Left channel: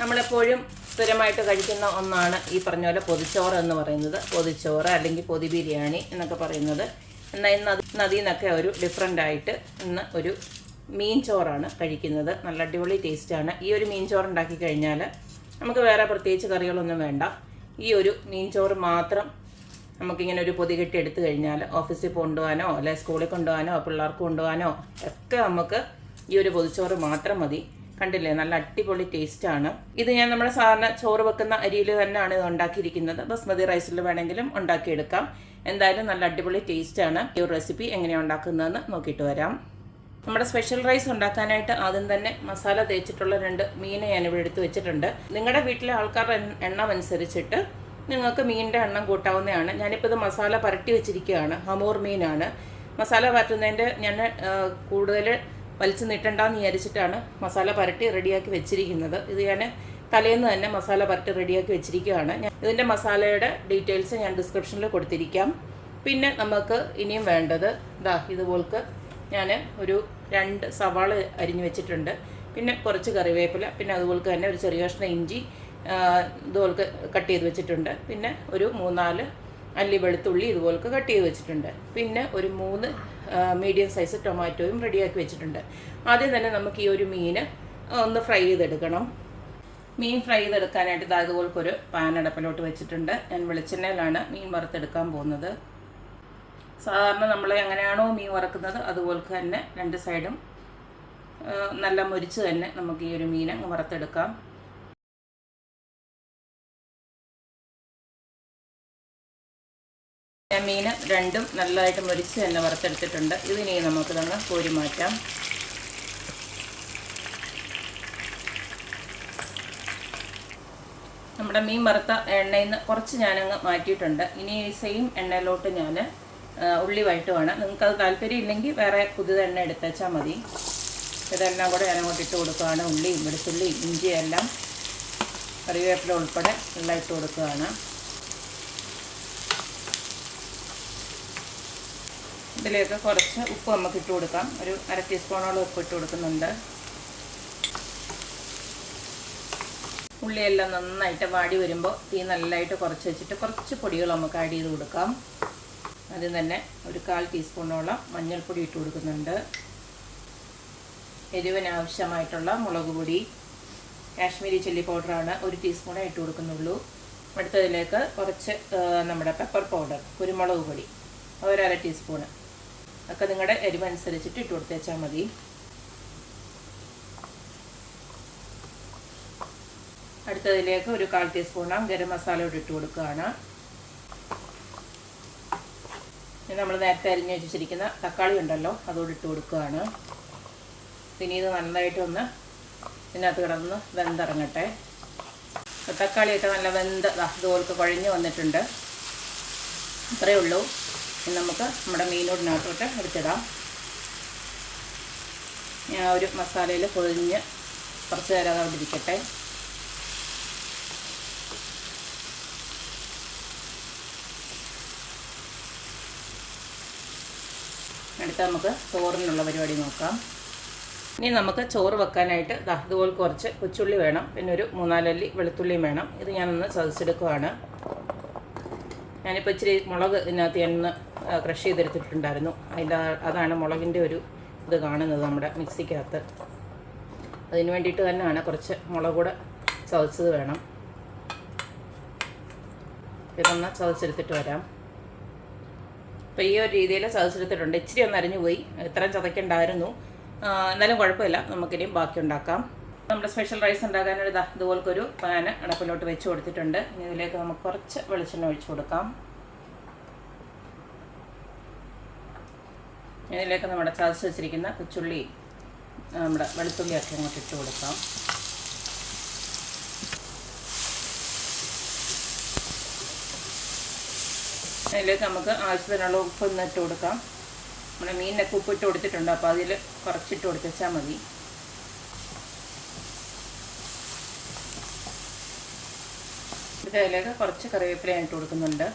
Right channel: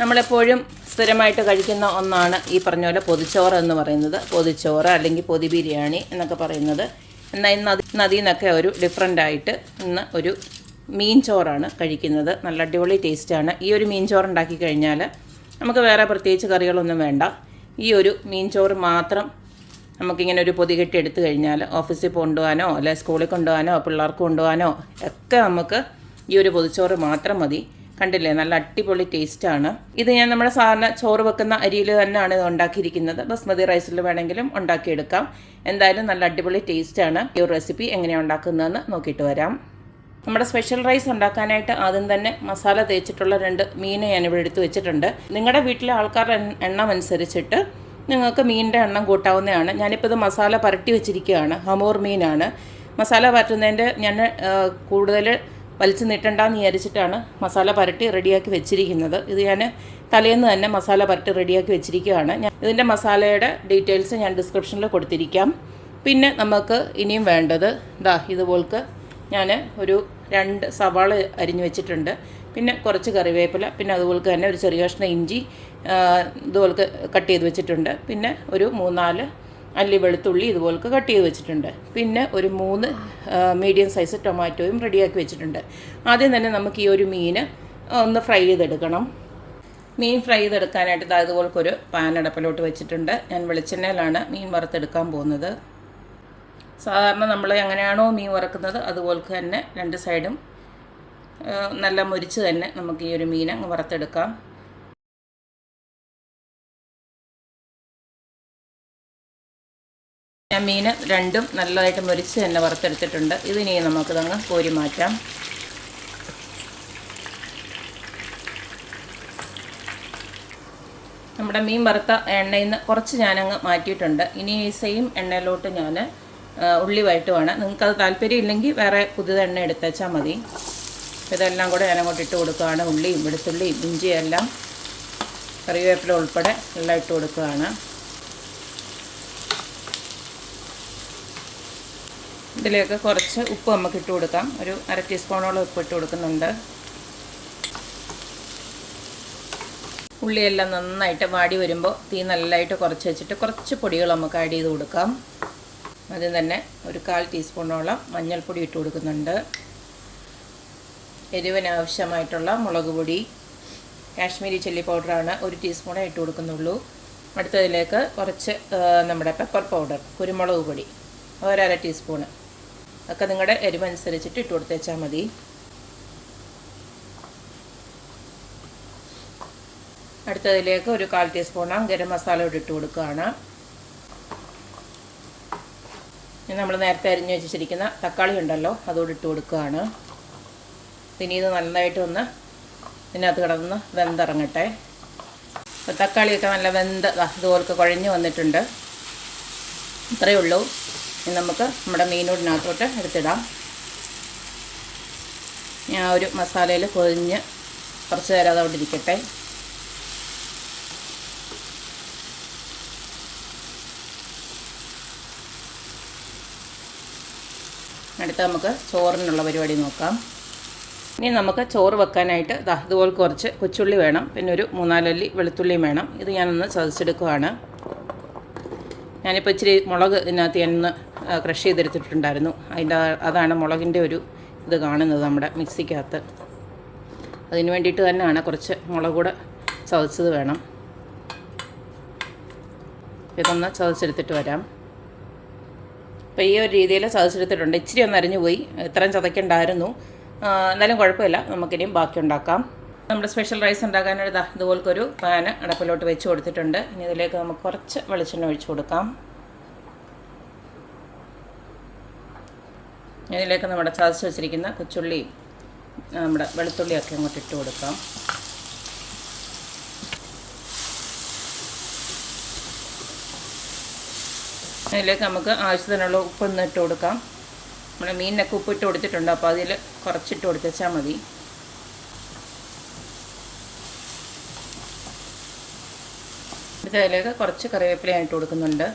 നമ്മളെപ്പോഴും സ്ഥിരമായിട്ട് കഴിക്കുന്ന ഒന്നാണ് ഈ പറഞ്ഞ പോലെ പൊതിച്ചോറ് എന്ന് പറയുന്നത്. പൊതിച്ചോറ് അല്ലെങ്കിൽ പൊതി ബിരിയാണി എന്നൊക്കെ പറയുന്നത്. എന്നാൽ ഇന്ന് അതിൽ നിന്നൊക്കെ ഒരു ഡിഫറൻ്റായിട്ട് ഇന്ന് ഒരു മീൻ ചോറാണ് കഴിക്കുന്നത്. നല്ല അടിപൊളി ടേസ്റ്റാണ്. ഈ ഒരു മീൻ ചോറ് ഉണ്ടാക്കി കഴിഞ്ഞാൽ നമുക്ക് വേറെ പ്രത്യേകിച്ച് കറികളൊന്നും വേണ്ട. ഈ ഒരു മീൻ ചോറ് മാത്രം നമുക്കിങ്ങനെ ഒരു പൊതി കെട്ടി എടുത്തു കഴിഞ്ഞാൽ ഓഫീസിൽ കൊണ്ടുപോകാനോ അല്ലെ സ്കൂളിൽ കൊണ്ടുപോകാനോ പിള്ളേർക്ക് കൊണ്ടുപോകാനോ ഒക്കെ നമുക്ക് ഈ ഒരു പൊതിച്ചോറ് മാത്രം മതി. കണ്ടില്ലേ, നല്ല അടിപൊളി ടേസ്റ്റാണ്. ഇത് ഞാൻ നമ്മുടെ സാധാരണ ചോറ് വെക്കുന്ന അരിയിൽ തന്നെയാണ് ഇത് ഉണ്ടാക്കിയിരിക്കുന്നത്. ബസ്മതി റൈസിൽ വേണമെങ്കിലും ഉണ്ടാക്കിയെടുക്കാം. എന്തായാലും നല്ല അടിപൊളി ടേസ്റ്റാണ്. ഈ ഒരു റെസിപ്പി എങ്ങനെയാണ് ഉണ്ടാക്കുന്നതെന്ന് നോക്കിയിട്ട് വരാം. നമ്മുടെ സ്പെഷ്യൽ റൈസ് ഉണ്ടാക്കാനായിട്ട് ആദ്യം തന്നെ മസാല തേച്ചിട്ടുള്ള 2 മീൻ ഞാനിവിടെ എടുത്ത് വെച്ചിട്ടുണ്ട്. നിങ്ങളുടെ വീട്ടിലെ ആൾക്കാരുടെ എണ്ണം അനുസരിച്ചിട്ട് നിങ്ങൾക്ക് മീനിൻ്റെ എണ്ണം കൂട്ടാവുന്നതാണ്. ഞാനിപ്പോൾ ഇത് മസാല പുരട്ടി വെച്ചിരിക്കുകയാണ്. ഹമൂർ മീനാണ്. മസാല പരട്ടുന്നതിൻ്റെ ഞാൻ കൂടുതൽ വലിച്ചു നീട്ടണ്ടെന്ന് വിചാരിച്ചിട്ടാണ് മസാല പുരട്ടി റെഡിയാക്കി വെച്ചിരിക്കുന്നത്. ഇത് ഞാൻ തലേന്ന് തന്നെ മസാല പുരട്ടി റെഡിയാക്കി വെച്ചിരിക്കുകയാണ്. ഇതിൻ്റെ മസാലയുടെ ഡീറ്റെയിൽസ് ഞാൻ ഡിസ്ക്രിപ്ഷനിൽ കൊടുത്തിരിക്കാം. പിന്നെ നമുക്ക് ഇനിയും വേണ്ടത് ഇതുപോൾക്ക് ഞാൻ ഒരു 2 സവാള അരിഞ്ഞു വെച്ചിട്ടുണ്ട്. പിന്നെ കുറച്ച് കറിവേപ്പില, പിന്നെ അതുപോലെ തന്നെ ഒരു ചെറിയ കഷ്ണം ഇഞ്ചി ഇതുപോലെ കട്ട് ചെയ്ത് വെച്ചിട്ടുണ്ട്. പിന്നെ ഒരു 3-4 അല്ലി വെളുത്തുള്ളി ഇതുപോലെ കട്ട് ചെയ്ത് വെച്ചിട്ടുണ്ട്. പിന്നെ ഒരു 3 മീഡിയം സൈസ് ടൊമാറ്റോയും റെഡിയാക്കി വെച്ചിട്ടുണ്ട്. ആദ്യം തന്നെ നമുക്ക് ഈ ഒരു മീൻ ഒന്ന് ഫ്രൈ ചെയ്തെടുക്കണം. മീൻ ഫ്രൈ ചെയ്തെടുക്കാനായിട്ട് ഇതുപോലൊരു പാൻ അടപ്പിലോട്ട് വെച്ചിട്ടുണ്ട്. ഞാൻ വെളിച്ചെണ്ണയിലാണ് മീൻ വറുത്തെടുക്കാൻ പോകുന്നത്. സാധാരണ നമ്മൾ എങ്ങനെയാണോ മീൻ വറക്കുന്നത് അതുപോലെ തന്നെ 2 സൈഡും നല്ല മുരിച്ച് തന്നെ നമുക്ക് ഈ ഒരു മീൻ അങ്ങ് വറുത്തെടുക്കാം. ഞാൻ മീൻ 2ഉം നല്ലതായിട്ട് മുരിച്ച് തന്നെ വറുത്തെടുത്തിട്ടുണ്ട്. ഇതിനി നമുക്കിതങ്ങ് കോരി മാറ്റാം. നമ്മുടെ മീൻ വറുത്ത എണ്ണയിൽ നിന്ന് കുറച്ച് ഞാനങ്ങ് മാറ്റിയിട്ടുണ്ട്. ഇനി ഈ സെയിം എണ്ണയിലോട്ട് ഞാൻ ഉള്ളി വഴറ്റുവാണ്. നിങ്ങൾക്കത് താല്പര്യം ഇല്ലെങ്കിൽ വേറെ പുതിയ എണ്ണ എടുത്തേച്ചാൽ മതി. ഇതെല്ലാം കൂടെ ഞാനങ്ങോട്ട് ഇട്ട് കൊടുക്കുകയാണ്. ഉള്ളിയും വെളുത്തുള്ളിയും ഇഞ്ചിയും എല്ലാം കറിവേപ്പില ഉൾപ്പെടെ എല്ലാം ഇട്ട് കൊടുക്കുകയാണ്. ഇതിലേക്ക് കുറച്ച് ഉപ്പ് നമുക്ക് ഇട്ട് കൊടുക്കാം. ഒരു 1/2 ടീസ്പൂണോളം ഉപ്പ് ഇട്ട് കൊടുക്കുന്നുണ്ട്. ഉള്ളിയെല്ലാം നന്നായിട്ട് വാടി വരുമ്പോൾ തീ നല്ലതായിട്ട് കുറച്ച് വെച്ചിട്ട് കുറച്ച് പൊടികൾ നമുക്ക് ആഡ് ചെയ്ത് കൊടുക്കാം. അതിൽ തന്നെ ഒരു 1/4 ടീസ്പൂണോളം മഞ്ഞൾപ്പൊടി ഇട്ട് കൊടുക്കുന്നുണ്ട്. എരിവിന് ആവശ്യമായിട്ടുള്ള മുളക് പൊടി, കാശ്മീരി ചില്ലി പൗഡറാണ് 1 ടീസ്പൂണേ ഇട്ട് കൊടുക്കുന്നുള്ളൂ. അടുത്തതിലേക്ക് കുറച്ച് നമ്മുടെ പെപ്പർ പൗഡർ, കുരുമുളക് പൊടി 1/2 ടീസ്പൂണ്. ഒക്കെ നിങ്ങളുടെ എരിവനുസരിച്ചിട്ട് ഇട്ട് കൊടുത്തേച്ചാൽ മതി. അടുത്തതിലേക്ക് ഒരു 1/4 ടീസ്പൂണാം ഗരം മസാല ഇട്ട് കൊടുക്കുകയാണ്. നമ്മൾ നേരത്തെ അരിഞ്ഞ് വെച്ചിരിക്കുന്ന തക്കാളി ഉണ്ടല്ലോ അതോട് ഇട്ട് കൊടുക്കുകയാണ്. പിന്നെ ഇത് നന്നായിട്ട് ഒന്ന് ഇതിനകത്ത് കിടന്ന് വെന്തിറങ്ങട്ടെ. അപ്പോൾ തക്കാളിയൊക്കെ നല്ല വെന്ത് ഇതുപോലൊക്കെ കുഴഞ്ഞ് വന്നിട്ടുണ്ട്. ഇത്രയേ ഉള്ളൂ. ഇനി നമുക്ക് നമ്മുടെ മീനോടിനകത്തോട്ട് എടുത്തിടാം. ഞാൻ ഒരു മസാലയിൽ പൊതിഞ്ഞ് കുറച്ച് നേരം അതവിടെ ഇരിക്കട്ടെ. അടുത്ത് നമുക്ക് ചോറിനുള്ള പരിപാടി നോക്കാം. ഇനി നമുക്ക് ചോറ് വെക്കാനായിട്ട് ഇതുപോലെ കുറച്ച് കൊച്ചുള്ളി വേണം. പിന്നെ ഒരു 3-4 അല്ലി വെളുത്തുള്ളിയും വേണം. ഇത് ഞാനൊന്ന് ചതച്ചെടുക്കുകയാണ്. ഞാനിപ്പോൾ ഇച്ചിരി മുളക് ഇതിനകത്ത് ഞാനൊന്ന് ക്രഷ് ചെയ്തെടുത്തിട്ടുണ്ടായിരുന്നു. അതാണ് മുളകിൻ്റെ ഒരു ഇത് കാണുന്നത് നമ്മുടെ മിക്സിക്കകത്ത്. അതിന് വേണ്ടിയിട്ട് തന്നെയാണ് കുറച്ച് മുളക് കൂടെ ചതച്ചത് വേണം. ഇതൊന്ന് ചതച്ചെടുത്തിട്ട് വരാം. അപ്പോൾ ഈ ഒരു രീതിയിൽ ചതച്ചെടുത്തിട്ടുണ്ട്. ഇച്ചിരി ഒന്ന് അരിഞ്ഞു പോയി, ഇത്രയും ചതയ്ക്കണ്ടായിരുന്നു. എന്നാലും കുഴപ്പമില്ല, നമുക്കിനിയും ബാക്കി ഉണ്ടാക്കാം. നമ്മുടെ സ്പെഷ്യൽ റൈസ് ഉണ്ടാക്കാനായിട്ട് ഇതുപോലൊരു പാന് അടപ്പിലോട്ട് വെച്ച് കൊടുത്തിട്ടുണ്ട്. ഇനി ഇതിലേക്ക് നമുക്ക് കുറച്ച് വെളിച്ചെണ്ണ ഒഴിച്ച് കൊടുക്കാം. ഇതിലേക്ക് നമ്മുടെ ചതച്ച് വെച്ചിരിക്കുന്ന കൊച്ചുള്ളി, നമ്മുടെ വെളുത്തുള്ളിയൊക്കെ അങ്ങോട്ട് ഇട്ട് കൊടുക്കാം. അതിലേക്ക് നമുക്ക് ആവശ്യത്തിനുള്ള ഉപ്പൊന്ന് ഇട്ട് കൊടുക്കാം. നമ്മുടെ മീനിനൊക്കെ ഉപ്പ് ഇട്ട് കൊടുത്തിട്ടുണ്ട്. അപ്പോൾ അതിൽ കുറച്ചിട്ട് കൊടുത്താൽ മതി. അതിലേക്ക് കുറച്ച് കറിവേപ്പില ഇട്ട് കൊടുക്കുന്നുണ്ട്.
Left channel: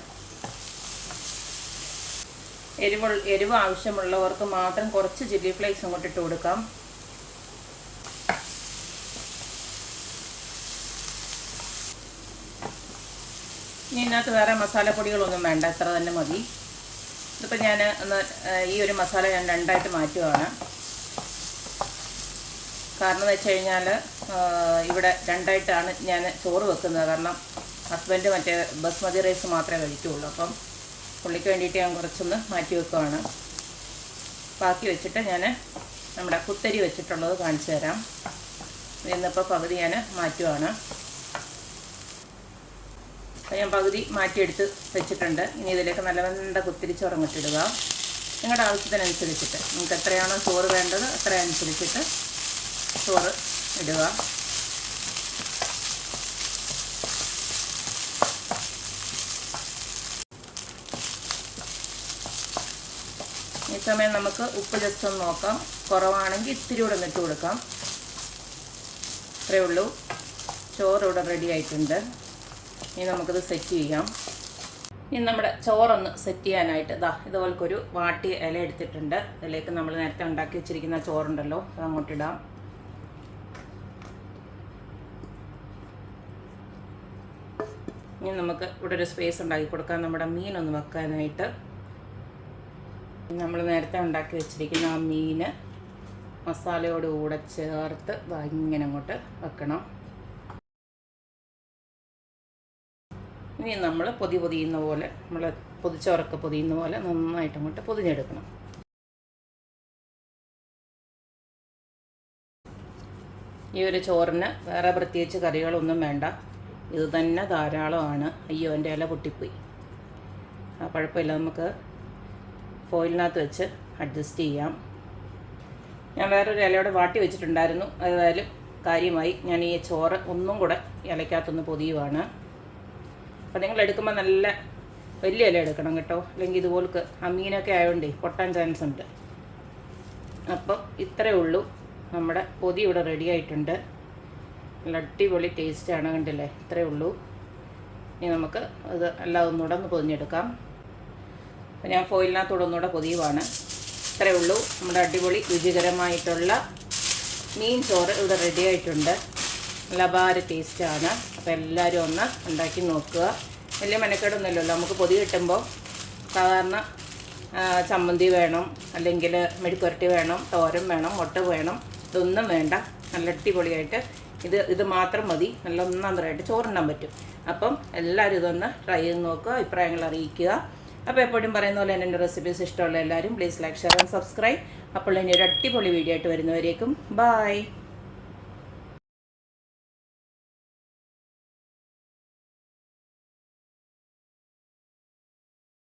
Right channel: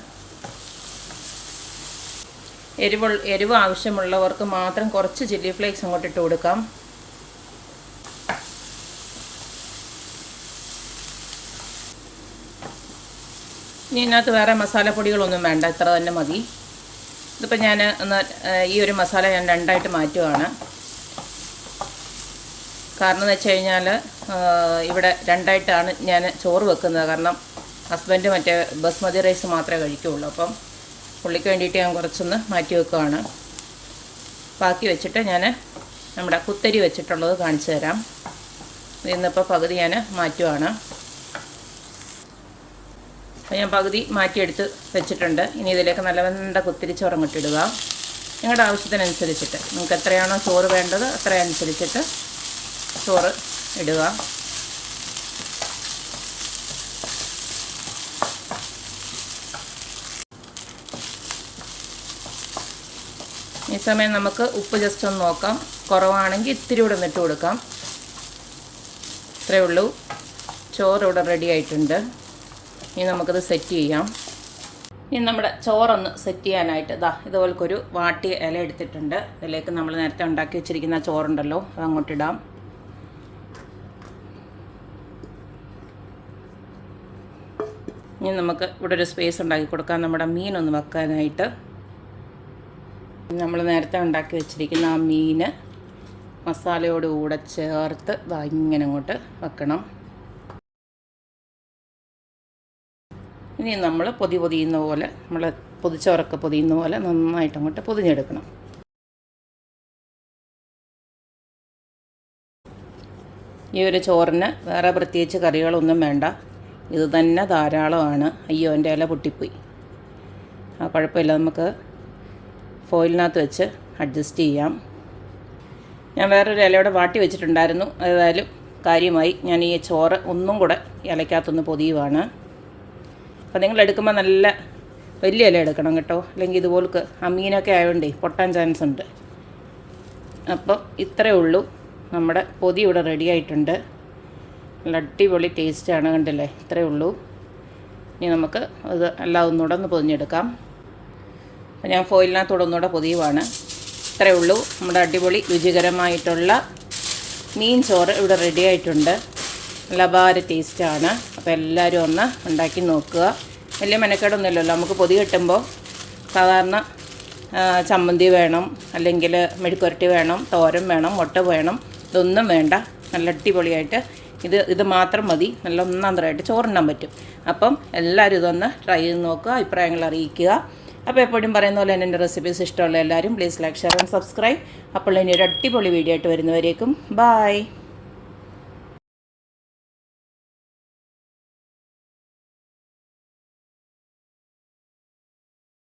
എരിവ് ആവശ്യമുള്ളവർക്ക് മാത്രം കുറച്ച് ചില്ലി ഫ്ലേക്സ് അങ്ങോട്ട് ഇട്ട് കൊടുക്കാം. ഇനി ഇതിനകത്ത് വേറെ മസാലപ്പൊടികളൊന്നും വേണ്ട, ഇത്ര തന്നെ മതി. ഇതിപ്പോൾ ഞാൻ ഒന്ന് ഈ ഒരു മസാല ഞാൻ രണ്ടായിട്ട് മാറ്റുകയാണ്. കാരണം എന്ന് വെച്ച് കഴിഞ്ഞാൽ ഇവിടെ രണ്ടായിട്ടാണ് ഞാൻ ചോറ് വെക്കുന്നത്. കാരണം ഹസ്ബൻഡ് മറ്റേ ബസ്മതി റൈസ് മാത്രമേ കഴിക്കുകയുള്ളൂ. അപ്പം പുള്ളിക്ക് വേണ്ടിയിട്ട് ഞാൻ കുറച്ചൊന്ന് മാറ്റി വെക്കുകയാണ്. ബാക്കി വെച്ചിട്ട് ഞാൻ നമ്മുടെ കുത്തരി വെച്ചിട്ടുള്ളത് കാണിച്ചു തരാം. ഇന്നിപ്പോൾ പകുതി ഞാൻ മാറ്റുകയാണ്. അപ്പോൾ ഞാൻ പകുതി മാറ്റിയെടുത്ത് വെച്ചിട്ടുണ്ട്. ഇനി ഇതിലേക്ക് നല്ല വെന്ത കുത്തിരി ചോറ് ഇട്ടിടുക. നിങ്ങളുടെ ആവശ്യത്തിനനുസരിച്ചിട്ട് നിങ്ങൾക്ക് എത്രയാണോ ചോറ് വേണ്ടത് അത്രയനുസരിച്ചിട്ട് ചോറ് ഇടുക. ഈ സമയം നമുക്ക് ഉപ്പ് ജസ്റ്റ് ഒന്ന് നോക്കാം. കുറവാണെങ്കിൽ ഇത്തിരി കൂടെ ഇട്ട് കൊടുക്കാം. ഇത്രയേ ഉള്ളൂ. ചോറ് ഇവിടെ റെഡി ആയിട്ടുണ്ട്. ഇനി നമുക്കത് സെറ്റ് ചെയ്യാം. ഇനി നമ്മുടെ ചോറൊന്ന് സെറ്റ് ചെയ്യാനായിട്ട് ഇതുപോലൊരു വാട്ടിയ ഇല എടുത്തിട്ടുണ്ട്. ഇതിലേക്ക് നമ്മൾ നേരത്തെ ഉണ്ടാക്കി വെച്ചിരിക്കുന്ന ചോറുണ്ടല്ലോ അത് അങ്ങോട്ടിടാം. ഇനി നമുക്ക് ഇവിടെ ഒരു സ്പേസ് ഉണ്ടാക്കി കൊടുക്കാം നമ്മുടെ മീനൊന്ന് വെക്കാനായിട്ട്. നമ്മൾ നേരത്തെ ഉണ്ടാക്കി വെച്ചിരിക്കുന്ന ആ മീൻ മസാലയോട് കൂടെ ചേർത്ത് ഇങ്ങനെ അങ്ങോട്ട് വെക്കണം. ഇനി നമ്മൾ പൊതിയുന്ന പോലെ, നമ്മൾ പൊതിച്ചോറൊക്കെ പൊതിയുന്ന പോലെ നന്നായിട്ട് അങ്ങോട്ട് പൊതിഞ്ഞെടുക്കണം. ഈ ഒരു ചോറിന് വേറെ പ്രത്യേകിച്ച് കറികളൊന്നും വേണ്ട, ഇത് തന്നെ ധാരാളമാണ്. അയ്യോ എൻ്റെ ഇല പൊട്ടിപ്പോയി. കുഴപ്പമില്ല, നമുക്ക് ഫോയിലിനകത്ത് വെച്ച് അഡ്ജസ്റ്റ് ചെയ്യാം. ഞാൻ വേറൊരു ഇലയോടെ വാട്ടി വെച്ചിട്ടുണ്ടായിരുന്നു. ഏതായാലും കാര്യമായി ഞാൻ ഈ ചോറ് ഒന്നും കൂടെ ഇലയ്ക്കകത്തൊന്ന് പൊതിയുവാണ്. അപ്പോൾ നിങ്ങൾ എടുക്കുമ്പോൾ നല്ല വലിയ ഇല എടുക്കണം കേട്ടോ, അല്ലെങ്കിൽ ഇതുപോലൊക്കെ മീനൊക്കെ ആയതുകൊണ്ടേ പൊട്ടാൻ ചാൻസ് ഉണ്ട്. അപ്പം ഇത്രയേ ഉള്ളൂ, നമ്മുടെ പൊതി ഇവിടെ റെഡി ആയിട്ടുണ്ട്. നല്ല അടിപൊളി ടേസ്റ്റാണ്, കണ്ടില്ലേ? ഇത്രയേ ഉള്ളൂ. ഇനി നമുക്ക് ഇത് എല്ലാം ഒന്നുകൂടെ ഒന്ന് പൊതിഞ്ഞെടുക്കാം. അപ്പോൾ ഞാൻ ഫോയിലിനകത്തൂടെ ഒന്നുകൂടെ പൊതിയുവാണ്. ഇത്രയേ ഉള്ളൂ, നമ്മുടെ അടിപൊളി രുചികരമായിട്ടുള്ള മീൻ ചോറ് ഇവിടെ റെഡി ആയിട്ടുണ്ട്. നല്ല അപാര ടേസ്റ്റാണ്. അപ്പോൾ എല്ലാവരും ഒന്ന് ഉണ്ടാക്കി നോക്കുക. വലിയ മെനക്കേടൊന്നുമില്ലല്ലോ. നമുക്ക് പൊതി കെട്ടുമ്പോൾ സാധാരണ ചമ്മന്തി വേണം, അല്ലെങ്കിൽ മെഴുക്കുവരട്ടി വേണം, തോരൻ വേണം, മുട്ട വേണം, ഇതൊന്നും വേണ്ട. നല്ല അടിപൊളിയായിട്ട് ഇത് മാത്രം മതി, നല്ല ഒന്നാന്തരമായിട്ട് ചോറുണ്ണാൻ പറ്റും. അപ്പം എല്ലാവരും ഇതൊന്ന് ട്രൈ ചെയ്ത് നോക്കുക, അഭിപ്രായങ്ങൾ അറിയിക്കുക. അപ്പോൾ എപ്പോഴും പറയുന്ന പോലെ എൻ്റെ റെസിപ്പീസ് ഇഷ്ടമുള്ള എല്ലാവരും please like, share and subscribe. അപ്പോൾ ഇനി ഒരു അടിപൊളി വീഡിയോ ആയിട്ട് വരുന്നവരേക്കും ബായ്.